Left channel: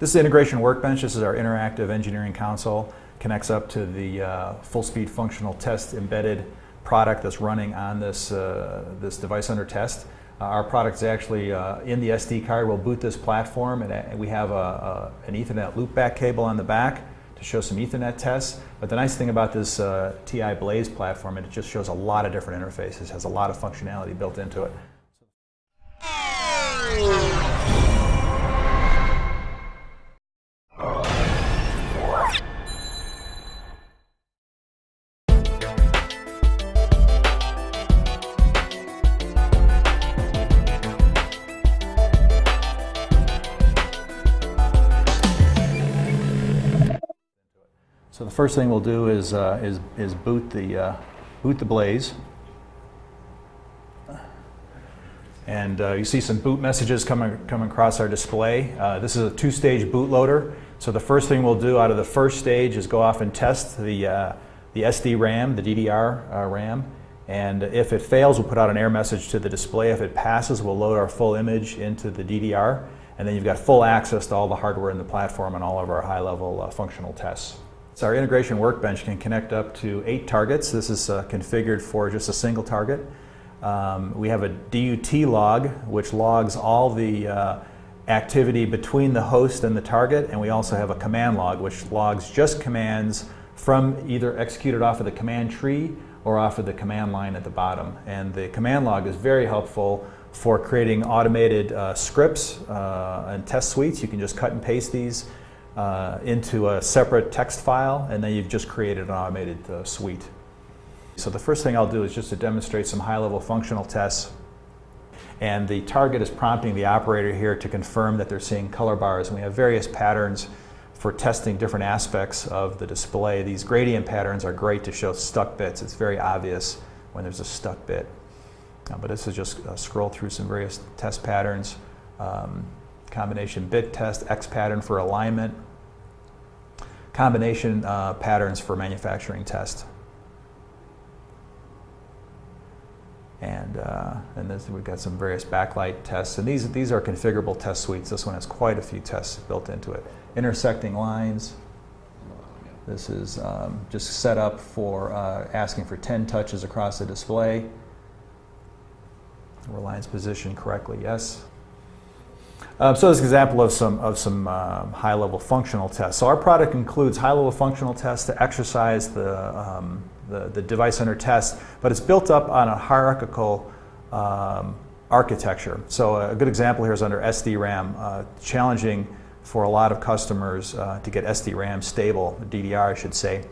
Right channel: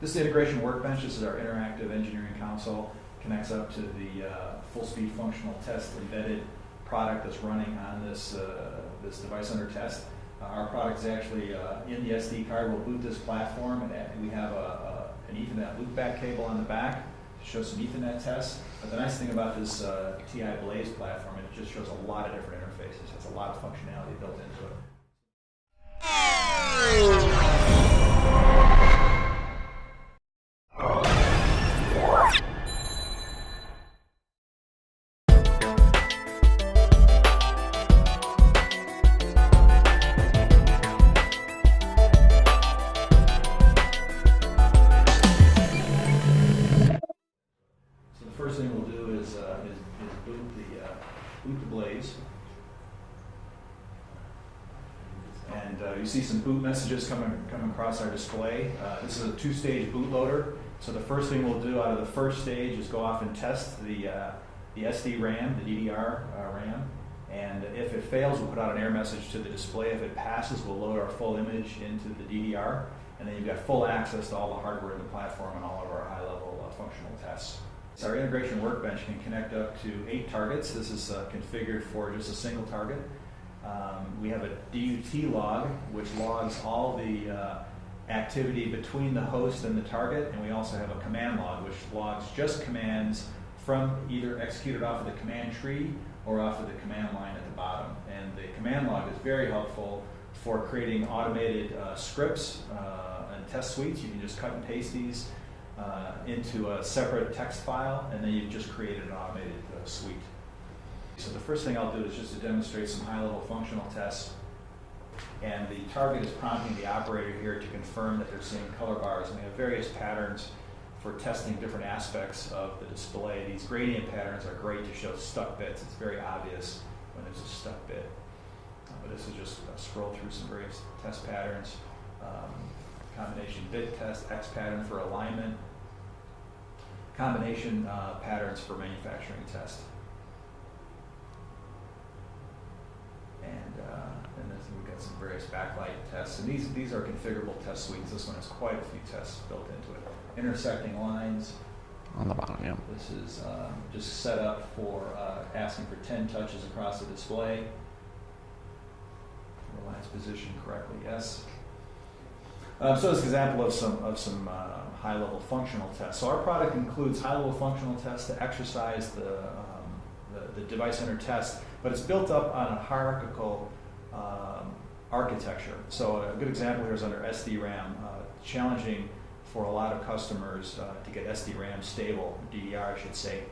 This is Integration Workbench. This is our interactive engineering console. Connects up to the full-speed functional test embedded product that's running on this, this device under test. Our product is actually in the SD card. We'll boot this platform, and we have an Ethernet loopback cable on the back to show some Ethernet tests. But the nice thing about this TI Blaze platform, it just shows a lot of different interfaces, has a lot of functionality built into it. So the first thing we'll do is boot the Blaze, and you see some boot messages coming across our display. This is a two-stage bootloader. So the first thing we'll do out of the first stage is go off and test the SD RAM, the DDR RAM, and if it fails, we'll put out an error message to the display. If it passes, we'll load our full image into the DDR, and then you've got full access to all the hardware in the platform and all of our high-level functional tests. So our Integration Workbench can connect up to 8 targets. This is configured for just a single target. We have a DUT log, which logs all the activity between the host and the target, and we also have a command log, which logs just commands from either executed off of the command tree or off of the command line at the bottom. And the command log is very helpful for creating automated scripts and test suites. You can just cut and paste these into a separate text file, and then you've just created an automated suite. So the first thing I'll do is just to demonstrate some high-level functional tests. And the target is prompting the operator here to confirm that they're seeing color bars. And we have various patterns for testing different aspects of the display. These gradient patterns are great to show stuck bits. It's very obvious when there's a stuck bit. But this is just scroll through some various test patterns. Combination bit test, X pattern for alignment, combination patterns for manufacturing test. And this, we've got some various backlight tests, and these are configurable test suites. This one has quite a few tests built into it. Intersecting lines. On the bottom, yeah. This is just set up for asking for 10 touches across the display. Were lines positioned correctly? Yes. So this is an example of some high-level functional tests. So our product includes high-level functional tests to exercise the device under test, but it's built up on a hierarchical architecture. So a good example here is under SD-RAM, challenging for a lot of customers to get SD-RAM stable, DDR I should say.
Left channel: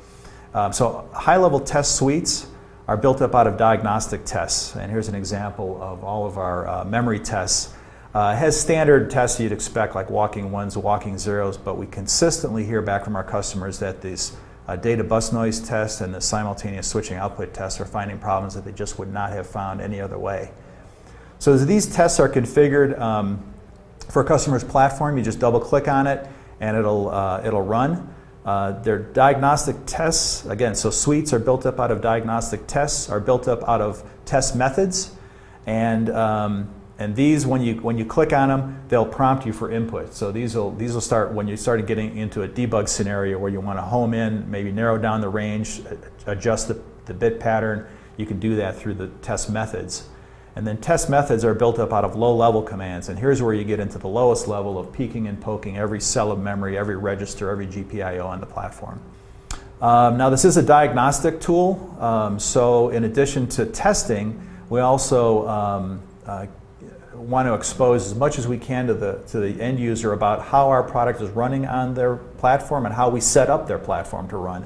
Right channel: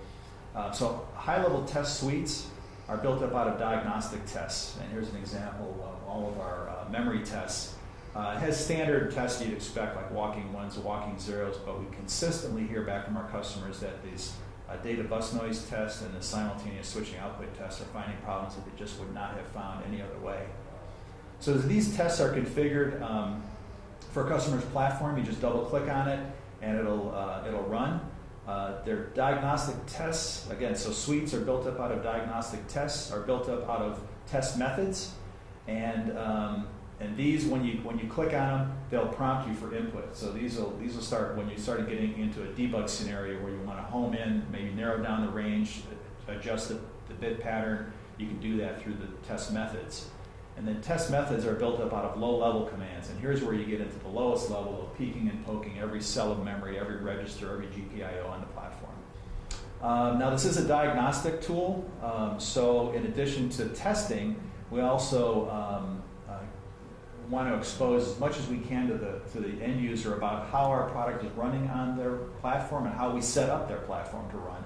So high-level test suites are built up out of diagnostic tests, and here's an example of all of our memory tests. It has standard tests you'd expect, like walking ones, walking zeros, but we consistently hear back from our customers that these data bus noise tests and the simultaneous switching output tests are finding problems that they just would not have found any other way. So as these tests are configured for a customer's platform, you just double click on it and it'll run. They're diagnostic tests, again, so suites are built up out of diagnostic tests, are built up out of test methods, and these, when you click on them, they'll prompt you for input. So these will start when you start getting into a debug scenario where you want to home in, maybe narrow down the range, adjust the bit pattern. You can do that through the test methods. And then test methods are built up out of low-level commands. And here's where you get into the lowest level of peeking and poking every cell of memory, every register, every GPIO on the platform. Now this is a diagnostic tool. So in addition to testing, we also want to expose as much as we can to the end user about how our product is running on their platform and how we set up their platform to run.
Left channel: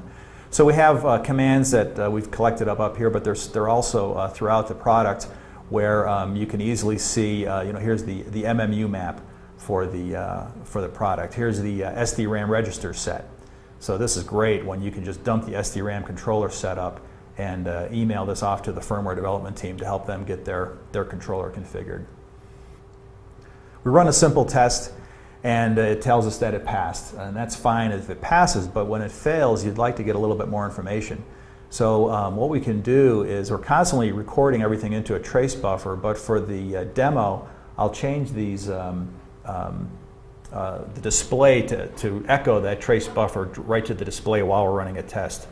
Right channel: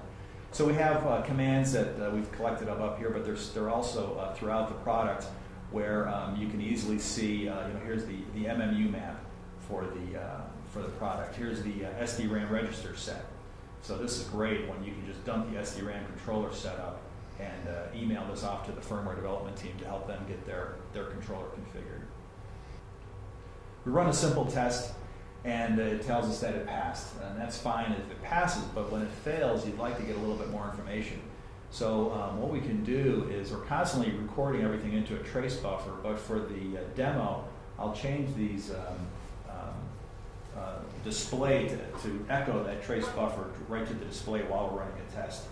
So we have commands that we've collected up here, but they're also throughout the product where you can easily see, here's the MMU map for the product. Here's the SD-RAM register set. So this is great when you can just dump the SD-RAM controller setup and email this off to the firmware development team to help them get their controller configured. We run a simple test, and it tells us that it passed. And that's fine if it passes, but when it fails, you'd like to get a little bit more information. So what we can do is we're constantly recording everything into a trace buffer, but for the demo, I'll change these the display to echo that trace buffer right to the display while we're running a test.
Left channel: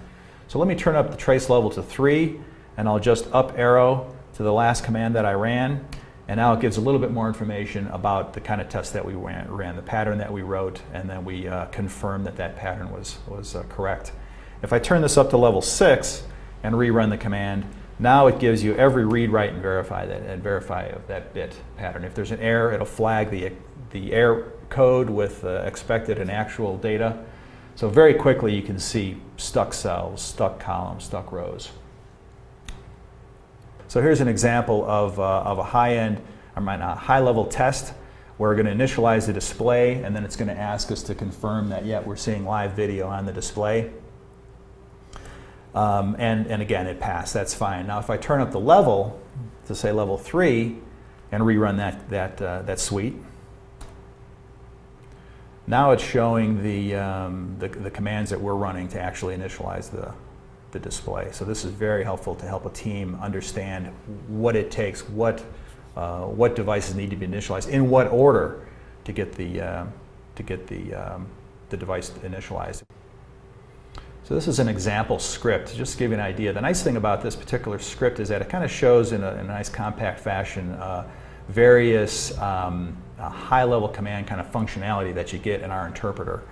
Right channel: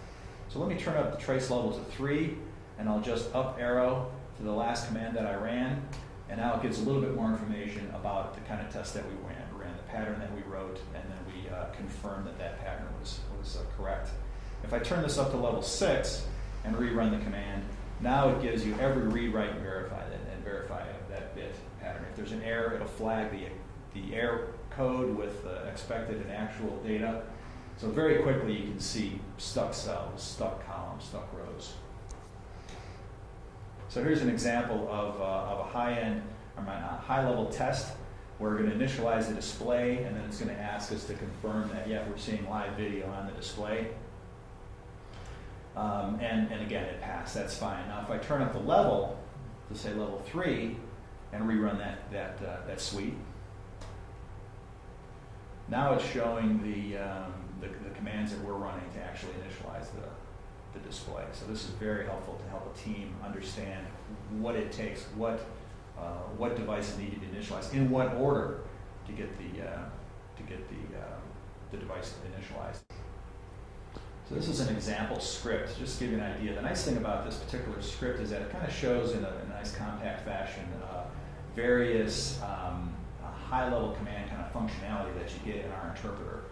So let me turn up the trace level to 3, and I'll just up arrow to the last command that I ran, and now it gives a little bit more information about the kind of test that we ran, the pattern that we wrote, and then we confirmed that that pattern was correct. If I turn this up to level 6 and rerun the command, now it gives you every read, write, and verify of that bit pattern. If there's an error, it'll flag the error code with expected and actual data. So very quickly you can see stuck cells, stuck columns, stuck rows. So here's an example of a high-level test where we're going to initialize the display, and then it's going to ask us to confirm that, yeah, we're seeing live video on the display. And again, it passed. That's fine. Now, if I turn up the level to say level 3 and rerun that suite, now it's showing the commands that we're running to actually initialize the display. So this is very helpful to help a team understand what it takes, what devices need to be initialized, in what order to get the device initialized. So this is an example script, just to give you an idea. The nice thing about this particular script is that it kind of shows in a nice compact fashion various high-level command kind of functionality that you get in our interpreter.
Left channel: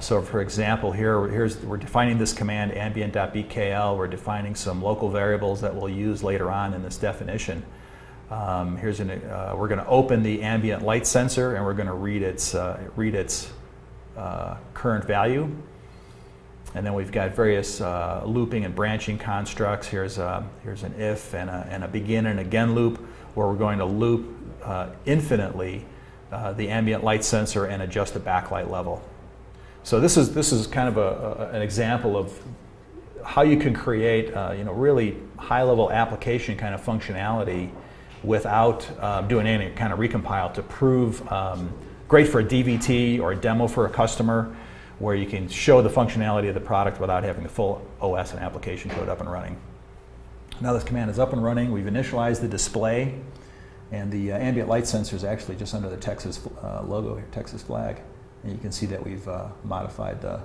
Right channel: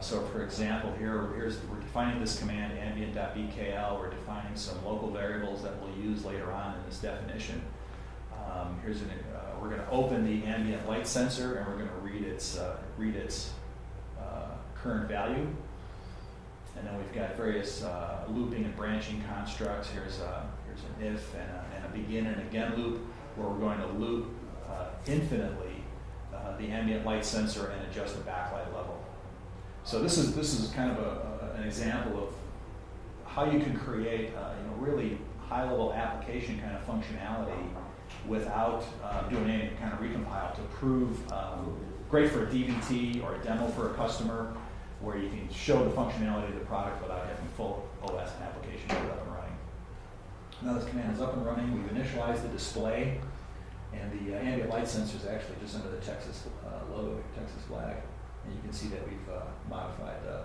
So for example, we're defining this command ambient.bkl. We're defining some local variables that we'll use later on in this definition. We're going to open the ambient light sensor, and we're going to read its current value. And then we've got various looping and branching constructs. Here's an if and a begin and again loop, where we're going to loop infinitely the ambient light sensor and adjust the backlight level. So this is kind of an example of how you can create really high-level application kind of functionality without doing any kind of recompile to prove great for a DVT or a demo for a customer, where you can show the functionality of the product without having the full OS and application code up and running. Now this command is up and running. We've initialized the display, and the ambient light sensor is actually just under the Texas logo here, Texas flag. And you can see that we've modified the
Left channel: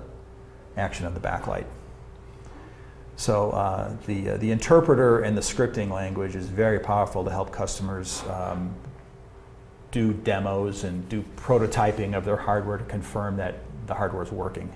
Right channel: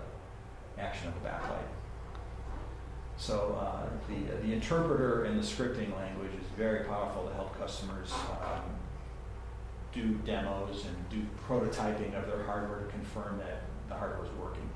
action of the backlight. So the interpreter and the scripting language is very powerful to help customers do demos and do prototyping of their hardware to confirm that the hardware is working.